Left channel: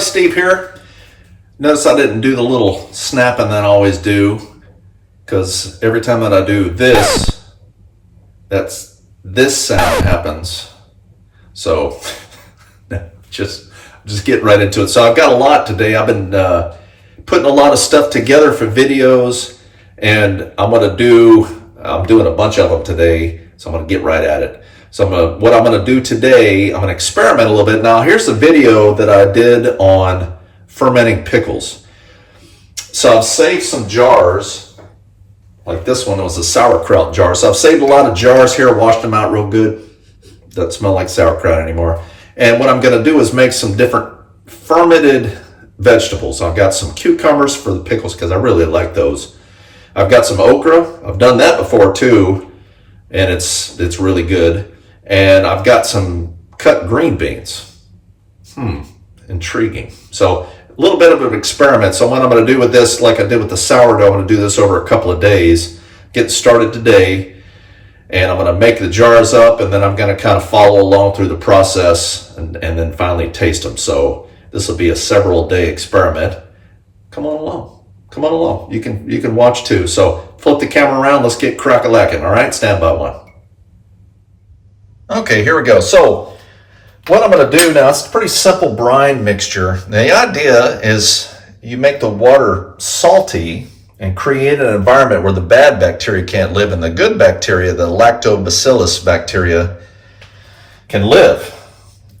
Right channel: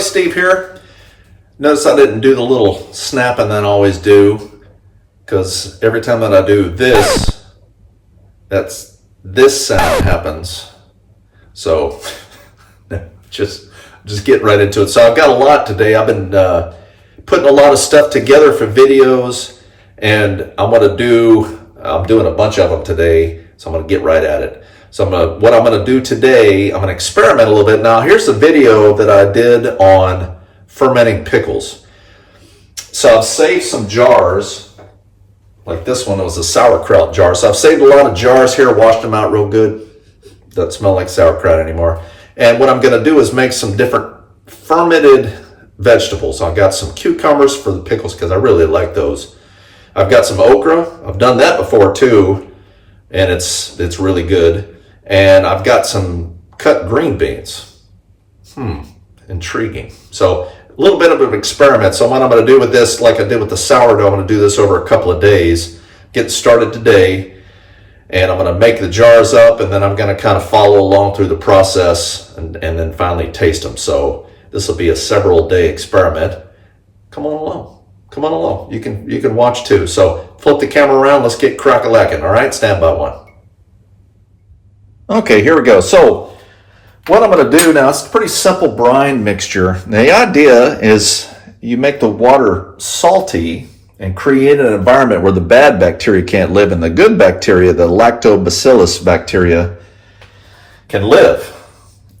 everybody, Steve here. Notice I didn't do the little snapping that I always do, because every time that I do this, this sound happens. So just get right into it. So I've got a lot today. I've been putting a lot of stuff together for videos, and I'm doing a bunch of them today, so I'm gonna get right at it. So what I'm gonna do today, I'm gonna experiment a little bit. Now here's a video that I did on fermenting pickles. So I've saved some jars, like this one was a sauerkraut jar. So I've saved a lot of jars here, washed them out real good. Doesn't smell like sauerkraut anymore. And what I'm gonna do is make some different fermented vegetables. I've got some cucumbers for the pickles because I really like those. I've got some okra. I've done that before too, and it's really good. And I've got some cut green beans. Intriguing. So a little bit of an experiment. So what I'm going to do with this, like I did with the sourdough, I'm going to do this over a couple of days. Get started today, and I'm going to make the jars up, and then I'm going to kind of follow along through the process, and then finally taste them. So this will be a several day experiment. Come on along. Come on along. You can watch too. So flip the camera around. Let's get crack-a-lacking. All right, stand by one. Okay, here we go. So what I'm going to do now, it's a pretty simple brine mixture. Now, the idea is you make the water salty and create an environment where the bad bacteria can't live, and the good bacteria, the lactobacillus bacteria, can live.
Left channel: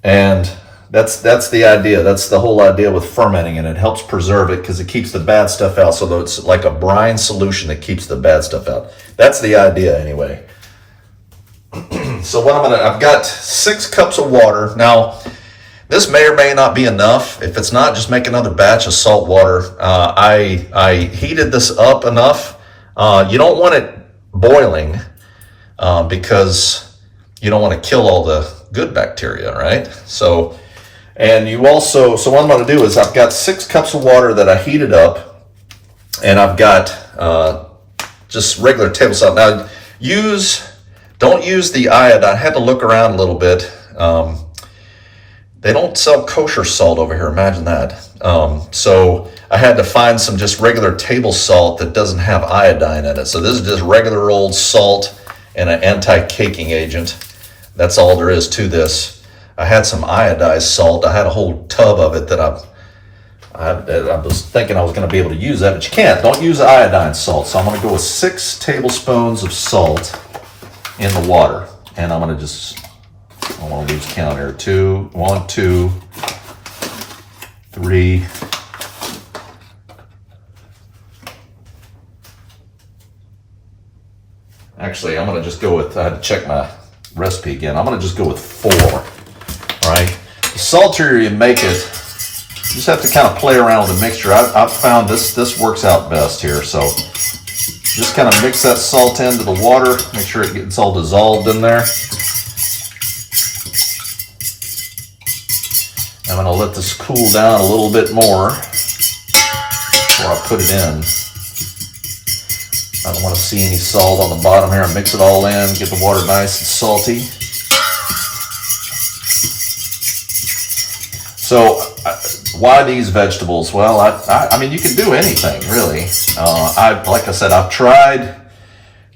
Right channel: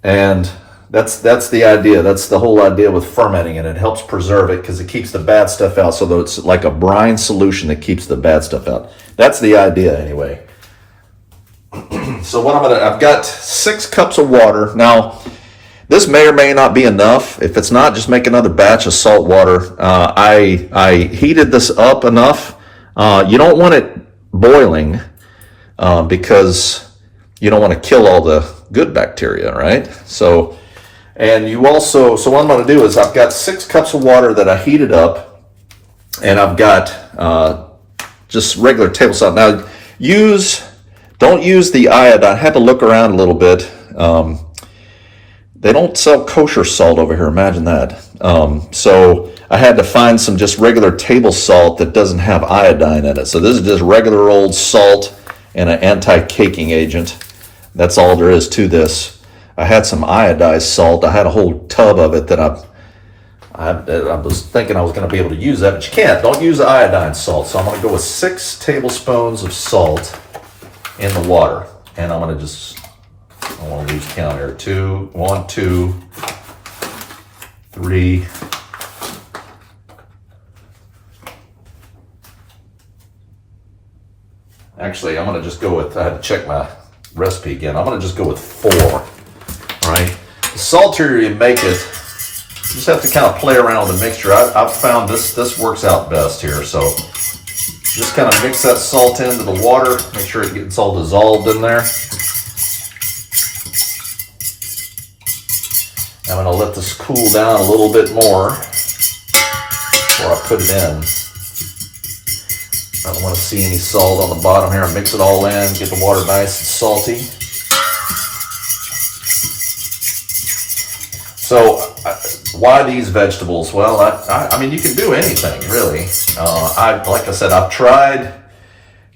And that's the idea. That's the whole idea with fermenting, and it helps preserve it because it keeps the bad stuff out. So that it's like a brine solution that keeps the bad stuff out. That's the idea anyway. So what I've got 6 cups of water. Now, this may or may not be enough. If it's not, just make another batch of salt water. I heated this up enough. You don't want it boiling because you don't want to kill all the good bacteria, right? So what I'm going to do is I've got 6 cups of water that I heated up, and I've got just regular table salt. Now, don't use the iodine. I had to look around a little bit. They don't sell kosher salt over here, imagine that. So I had to find some just regular table salt that doesn't have iodine in it. So this is just regular old salt and an anti-caking agent. That's all there is to this. I had some iodized salt. I had a whole tub of it that I was thinking I was going to be able to use that, but you can't. Don't use iodine salt. So I'm going to go with 6 tablespoons of salt in the water, and I'm going to I want to lose count here. 1, 2, 3. Actually, I'm going to just go with, I had to check my recipe again. I'm going to just go with 4, all right? The saltier you make it, you just have to kind of play around with the mixture. I've found this works out best here, so just kind of mix that salt into the water, make sure it gets all dissolved in there. I'm going to let this cool down a little bit more before I put it in. I don't want to see any salt on the bottom here. Mix it all in, get the water nice and salty. So why these vegetables? Well, I mean, you can do anything really. Like I said, I've tried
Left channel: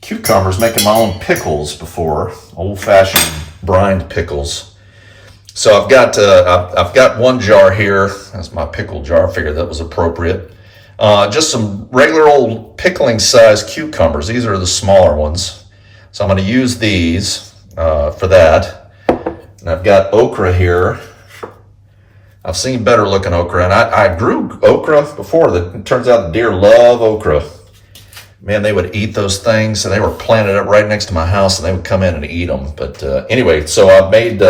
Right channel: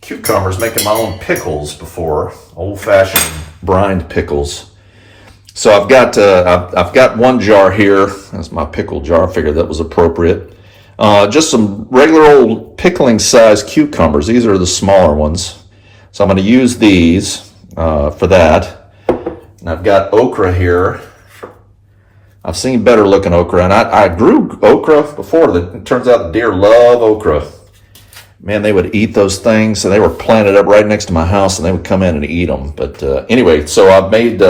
cucumbers, making my own pickles before, old-fashioned brined pickles. So I've got 1 jar here. That's my pickle jar. I figured that was appropriate. Just some regular old pickling size cucumbers. These are the smaller ones. So I'm going to use these for that. And I've got okra here. I've seen better looking okra, and I grew okra before. It turns out the deer love okra. Man, they would eat those things, so they were planted up right next to my house, and they would come in and eat them. But anyway, so I've made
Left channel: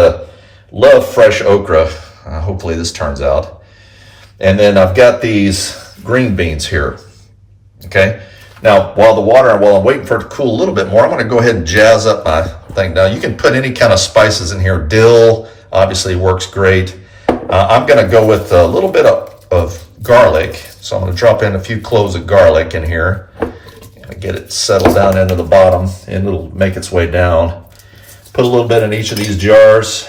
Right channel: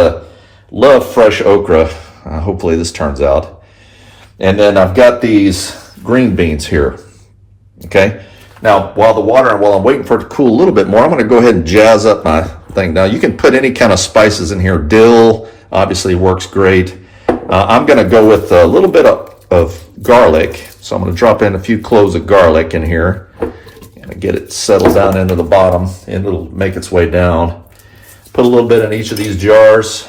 love fresh okra. Hopefully this turns out. And then I've got these green beans here. Okay. Now, while I'm waiting for it to cool a little bit more, I'm going to go ahead and jazz up my thing. Now, you can put any kind of spices in here. Dill obviously works great. I'm going to go with a little bit of garlic. So I'm going to drop in a few cloves of garlic in here and get it settled down into the bottom, and it'll make its way down. Put a little bit in each of these jars.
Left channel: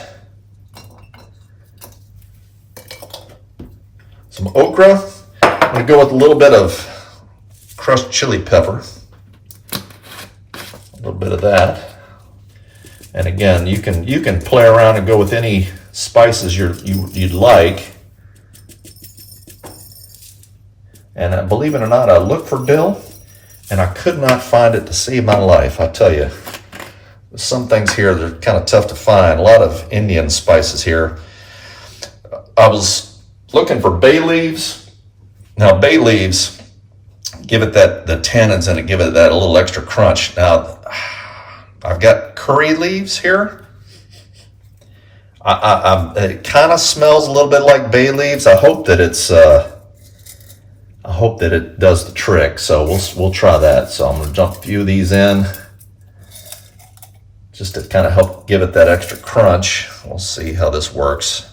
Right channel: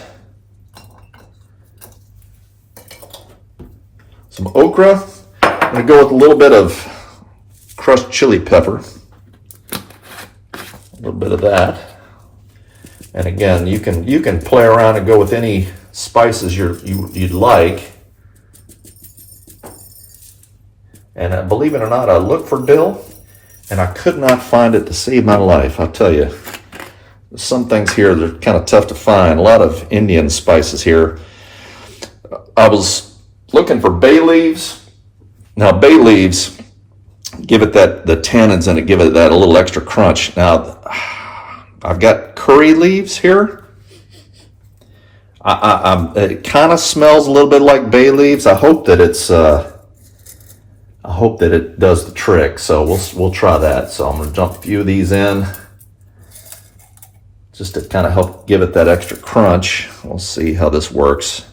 some okra. I'm going to go with a little bit of crushed chili pepper. A little bit of that. And again, you can play around and go with any spices you'd like. And believe it or not, I looked for dill, and I could not find it to save my life. I'll tell you, there's some things here that are kind of tough to find. A lot of Indian spices here. I was looking for bay leaves. Now, bay leaves give it the tannins in it, give it that a little extra crunch. Now, I've got curry leaves here. It kind of smells a little bit like bay leaves. I hope that it does the trick. So we'll try that. So I'm going to dump a few of these in, just to kind of help give it that extra crunch. We'll see how this works.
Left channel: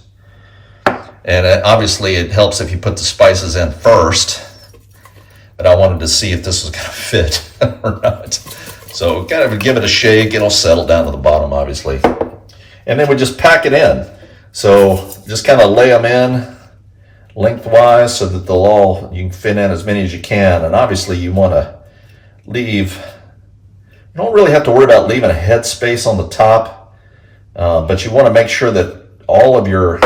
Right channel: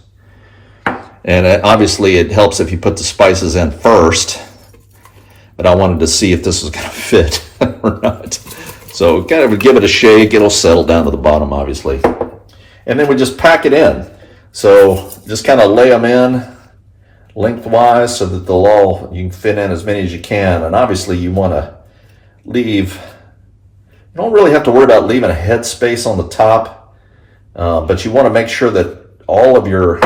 And obviously it helps if you put the spices in first, but I wanted to see if this was going to fit or not. So kind of give it a shake. It'll settle down to the bottom, obviously. And then we just pack it in. So just kind of lay them in lengthwise so that you can fit in as many as you can. And obviously you want to leave, you don't really have to worry about leaving a head space on the top, but you want to make sure that all of your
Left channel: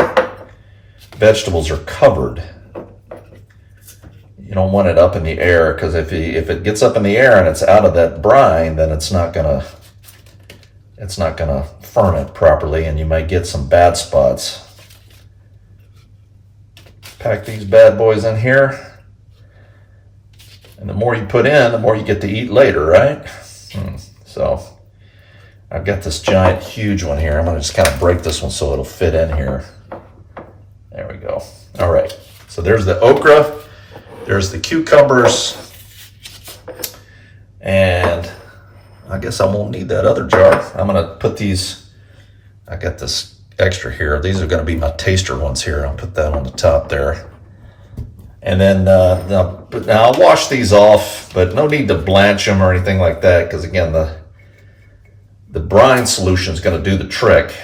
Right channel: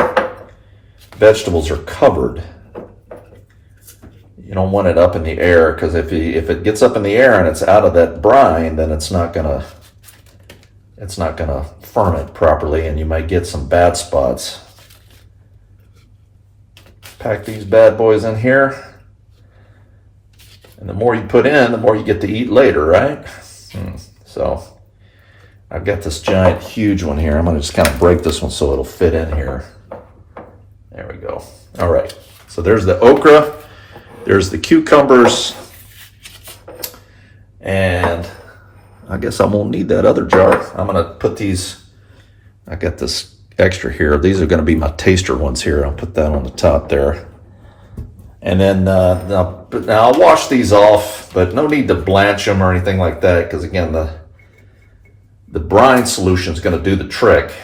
vegetables are covered. You don't want it up in the air, because if it gets up in the air and it's out of that brine, then it's not gonna ferment properly, and you might get some bad spots. Pack these bad boys in here, and the more you put in, the more you get to eat later, right? So I've got this giant, huge one here. I'm gonna just kind of break this one so it'll fit in here. There we go. All right, so there's the okra. There's the cucumbers, and I guess I won't need that other jar. I'm gonna put these, I got this extra here. These are gonna be my taster ones here. I'll put that on the top there. And then now I'll wash these off, but no need to blanch them or anything like that, because again, the brine solution is gonna do the trick.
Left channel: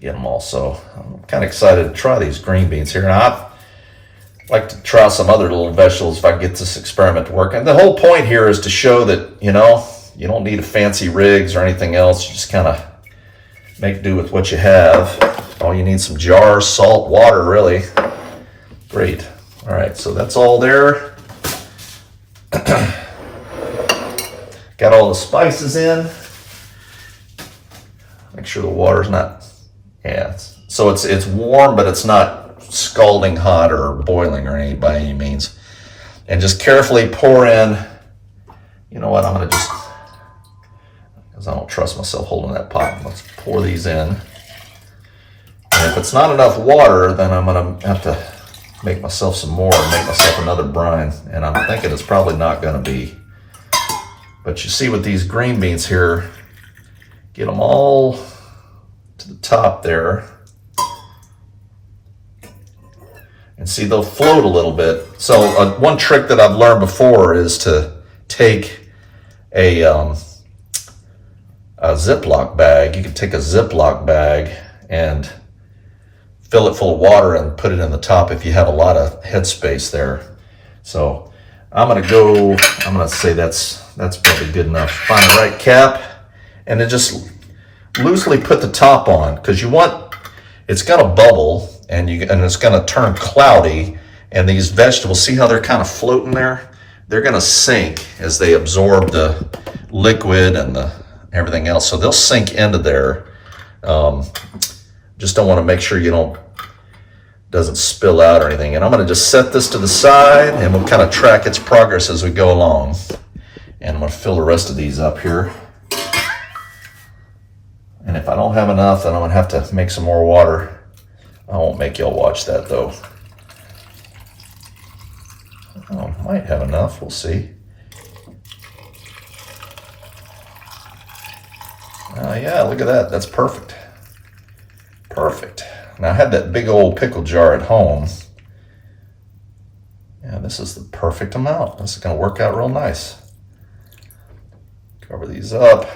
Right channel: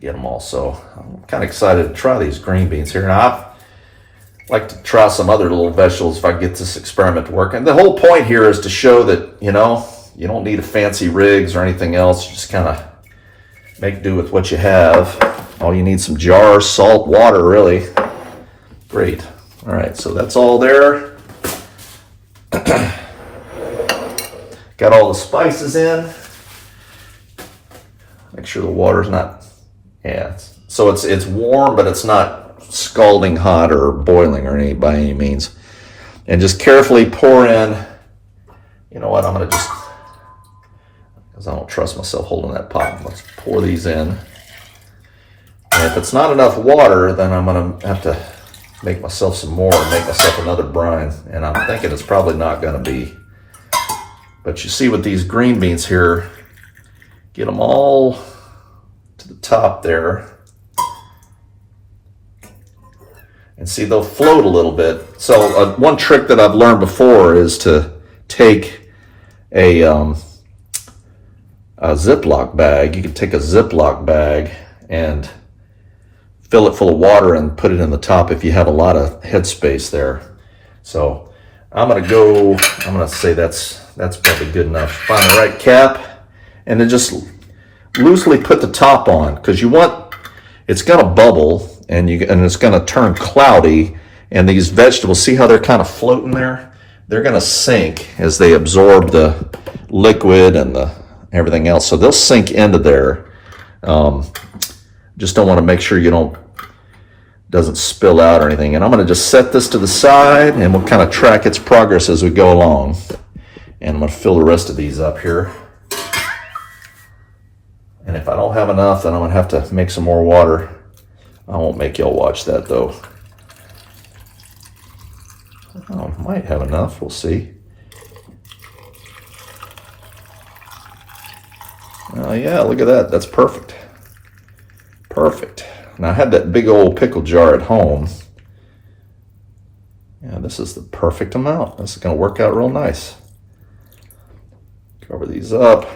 Get them all. So I'm kind of excited to try these green beans here. Now, I'd like to try some other little vegetables if I get this experiment to work. And the whole point here is to show that, you don't need a fancy rigs or anything else. You just kind of make do with what you have. All you need some jars, salt, water, really. Great. All right, so that's all there. Got all the spices in. Make sure the water's not, so it's warm, but it's not scalding hot or boiling or by any means. And just carefully pour in. You know what, I'm gonna just, because I don't trust myself holding that pot, let's pour these in. And if it's not enough water, then I'm gonna have to make myself some more and make myself another brine. And I'm thinking it's probably not gonna be. But you see with these green beans here, get them all to the top there. And see, they'll float a little bit. So one trick that I've learned before is to take a Ziploc bag. You can take a Ziploc bag and fill it full of water and put it in the top if you have a lot of headspace there. So I'm gonna say that's probably good enough. Find the right cap, and then just loosely put the top on, because it's gonna bubble. And it's going to turn cloudy, and these vegetables, see how they're kind of floating there? They're going to sink as they absorb the liquid and everything else. So they'll sink into there. Just don't want to make sure doesn't spill out or anything. And I'm going to just set this to the side, and we'll kind of track its progress as we go along. And I'm going to fill the rest of these up here. And if I don't have enough, then I'm going to have to make some more water. I won't make y'all watch that though. Oh, might have enough, we'll see. Yeah, look at that, that's perfect. Perfect. Now I had that big old pickle jar at home. Yeah, this is the perfect amount. This is gonna work out real nice. Cover these up.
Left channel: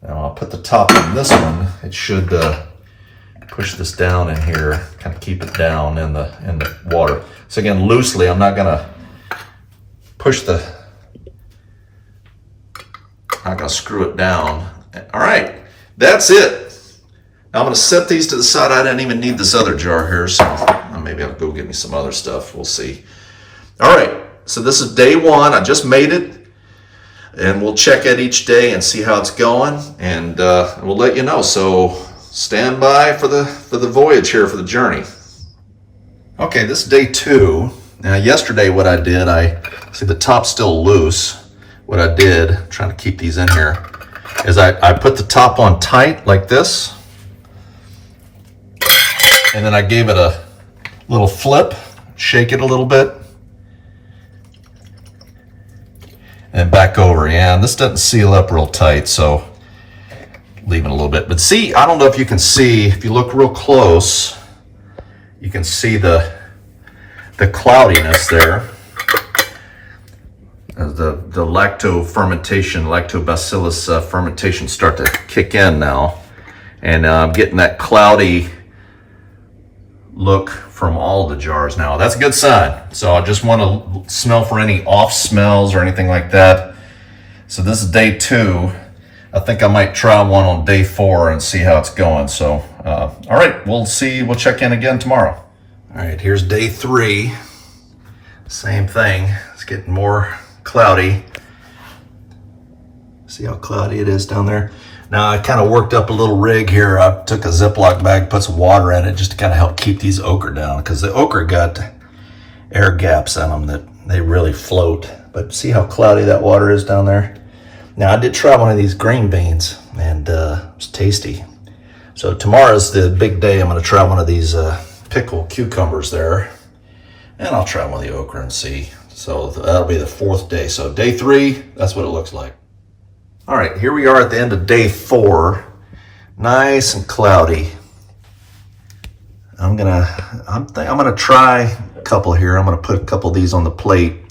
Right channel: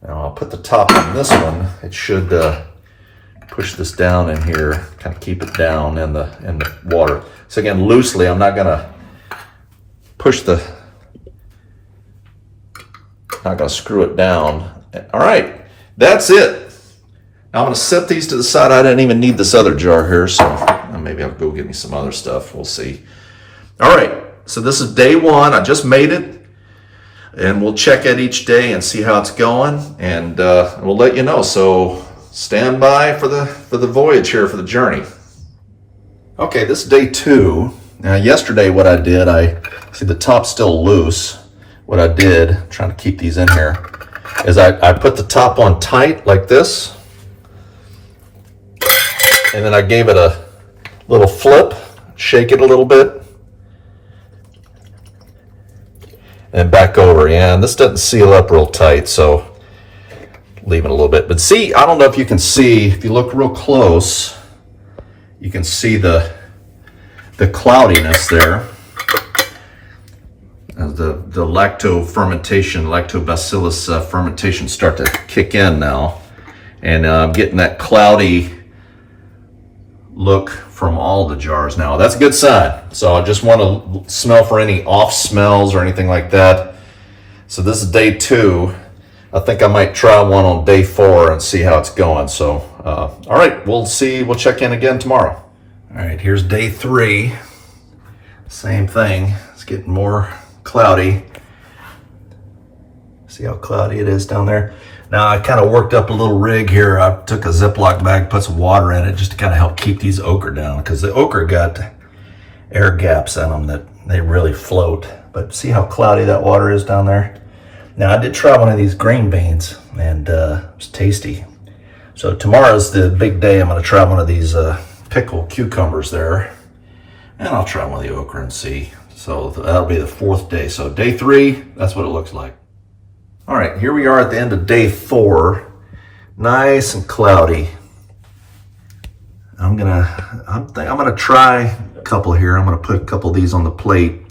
Now I'll put the top on this one. It should push this down in here, kind of keep it down in the water. So again, loosely, I'm not gonna push not gonna screw it down. All right, that's it. Now I'm gonna set these to the side. I didn't even need this other jar here, so maybe I'll go get me some other stuff. We'll see. All right, so this is day one. I just made it, and we'll check it each day and see how it's going, and we'll let you know. So stand by for the voyage here, for the journey. Okay, this is day two. Now yesterday what I did, I see the top's still loose. What I did, trying to keep these in here, is I put the top on tight like this, and then I gave it a little flip, shake it a little bit, and back over. Yeah, and this doesn't seal up real tight, so leave it a little bit. But see, I don't know if you can see, if you look real close, you can see the cloudiness there. As the lactobacillus fermentation start to kick in now, and I'm getting that cloudy look from all the jars now. That's a good sign. So I just want to smell for any off smells or anything like that. So this is day two. I think I might try one on day four and see how it's going. So all right, we'll check in again tomorrow. All right, here's day three. Same thing. It's getting more cloudy. See how cloudy it is down there? Now I kind of worked up a little rig here. I took a Ziploc bag, put some water in it just to kind of help keep these okra down, because the okra got air gaps in them that they really float. But see how cloudy that water is down there? Now I did try one of these green beans, and it's tasty. So tomorrow's the big day. I'm going to try one of these pickled cucumbers there, and I'll try one of the okra and see. So that'll be the fourth day. So day three, that's what it looks like. All right, here we are at the end of day four. Nice and cloudy. I'm gonna try a couple here. I'm gonna put a couple of these on the plate,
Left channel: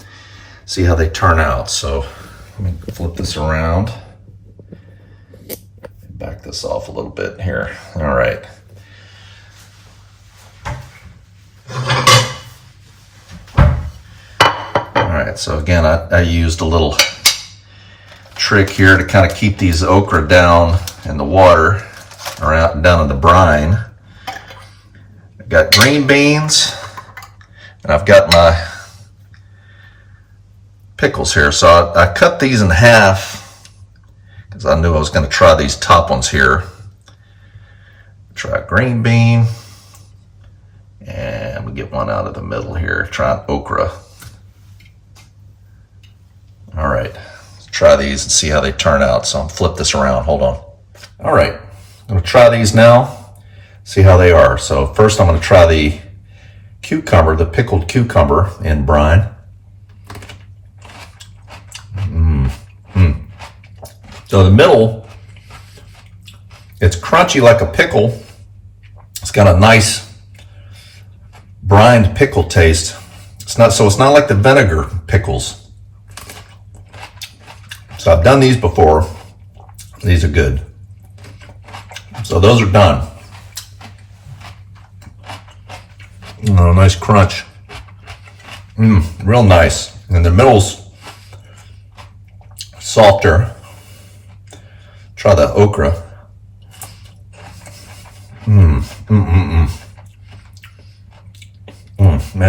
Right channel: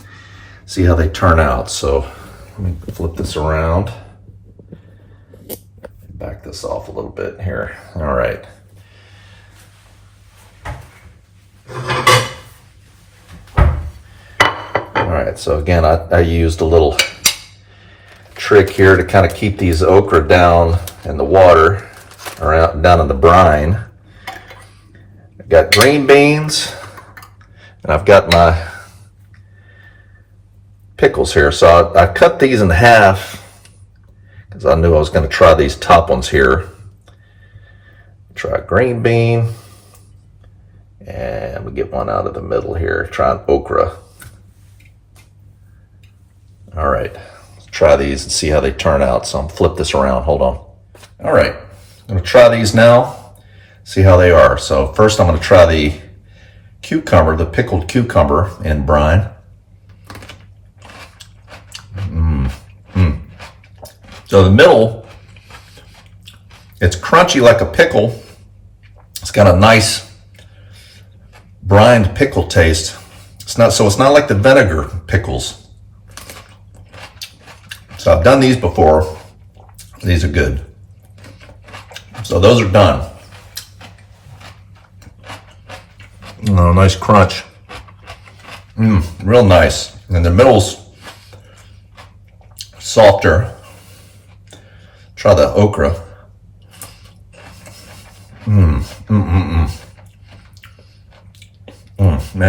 see how they turn out. So let me flip this around. Back this off a little bit here. All right. All right, so again, I used a little trick here to kind of keep these okra down in the water, or out down in the brine. I've got green beans, and I've got my pickles here. So I cut these in half because I knew I was going to try these top ones here. Try a green bean, and we get one out of the middle here. Try an okra. All right, let's try these and see how they turn out. So I'm flip this around, hold on. All right, I'm gonna try these now, see how they are. So first I'm gonna try the cucumber, the pickled cucumber in brine. So the middle, it's crunchy like a pickle. It's got a nice brined pickle taste. It's not like the vinegar pickles. So I've done these before. These are good. So those are done. Oh, nice crunch. Real nice. And the middle's softer. Try the okra. Man,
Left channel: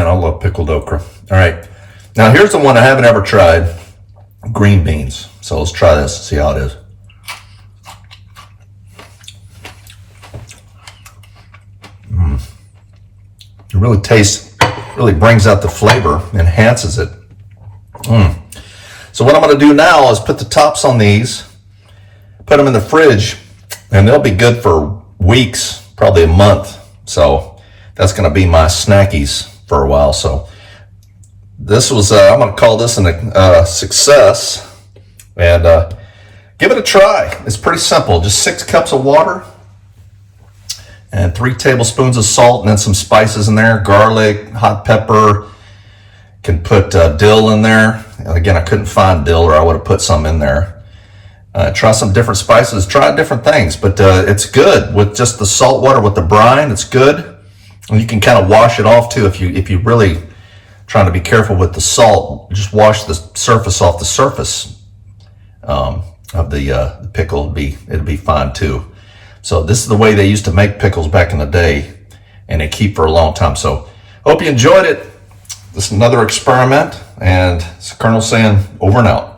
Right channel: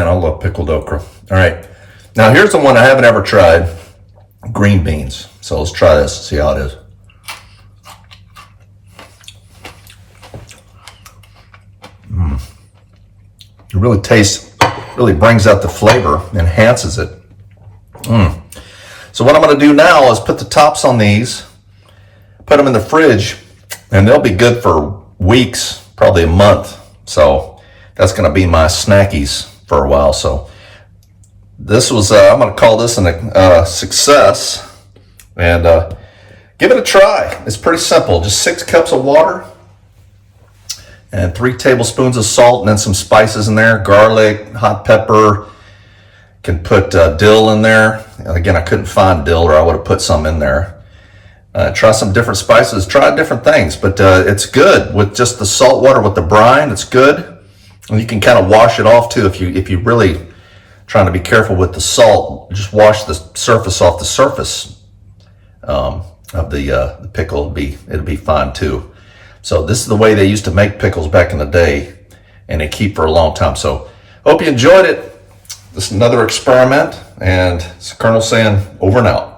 I love pickled okra. All right. Now here's the one I haven't ever tried. Green beans. So let's try this and see how it is. It really tastes, really brings out the flavor, enhances it. So what I'm going to do now is put the tops on these, put them in the fridge, and they'll be good for weeks, probably a month. So that's going to be my snackies for a while. So this was, I'm going to call this a success, and give it a try. It's pretty simple. Just 6 cups of water and 3 tablespoons of salt, and then some spices in there, garlic, hot pepper. Can put dill in there. And again, I couldn't find dill, or I would have put some in there. Try some different spices, try different things, but it's good with just the salt water with the brine. It's good, and you can kind of wash it off too if you really trying to be careful with the salt. Just wash the surface off the surface of the pickle. It'd be fine too. So this is the way they used to make pickles back in the day, and they keep for a long time. So hope you enjoyed it. This is another experiment, and it's Colonel saying over and out.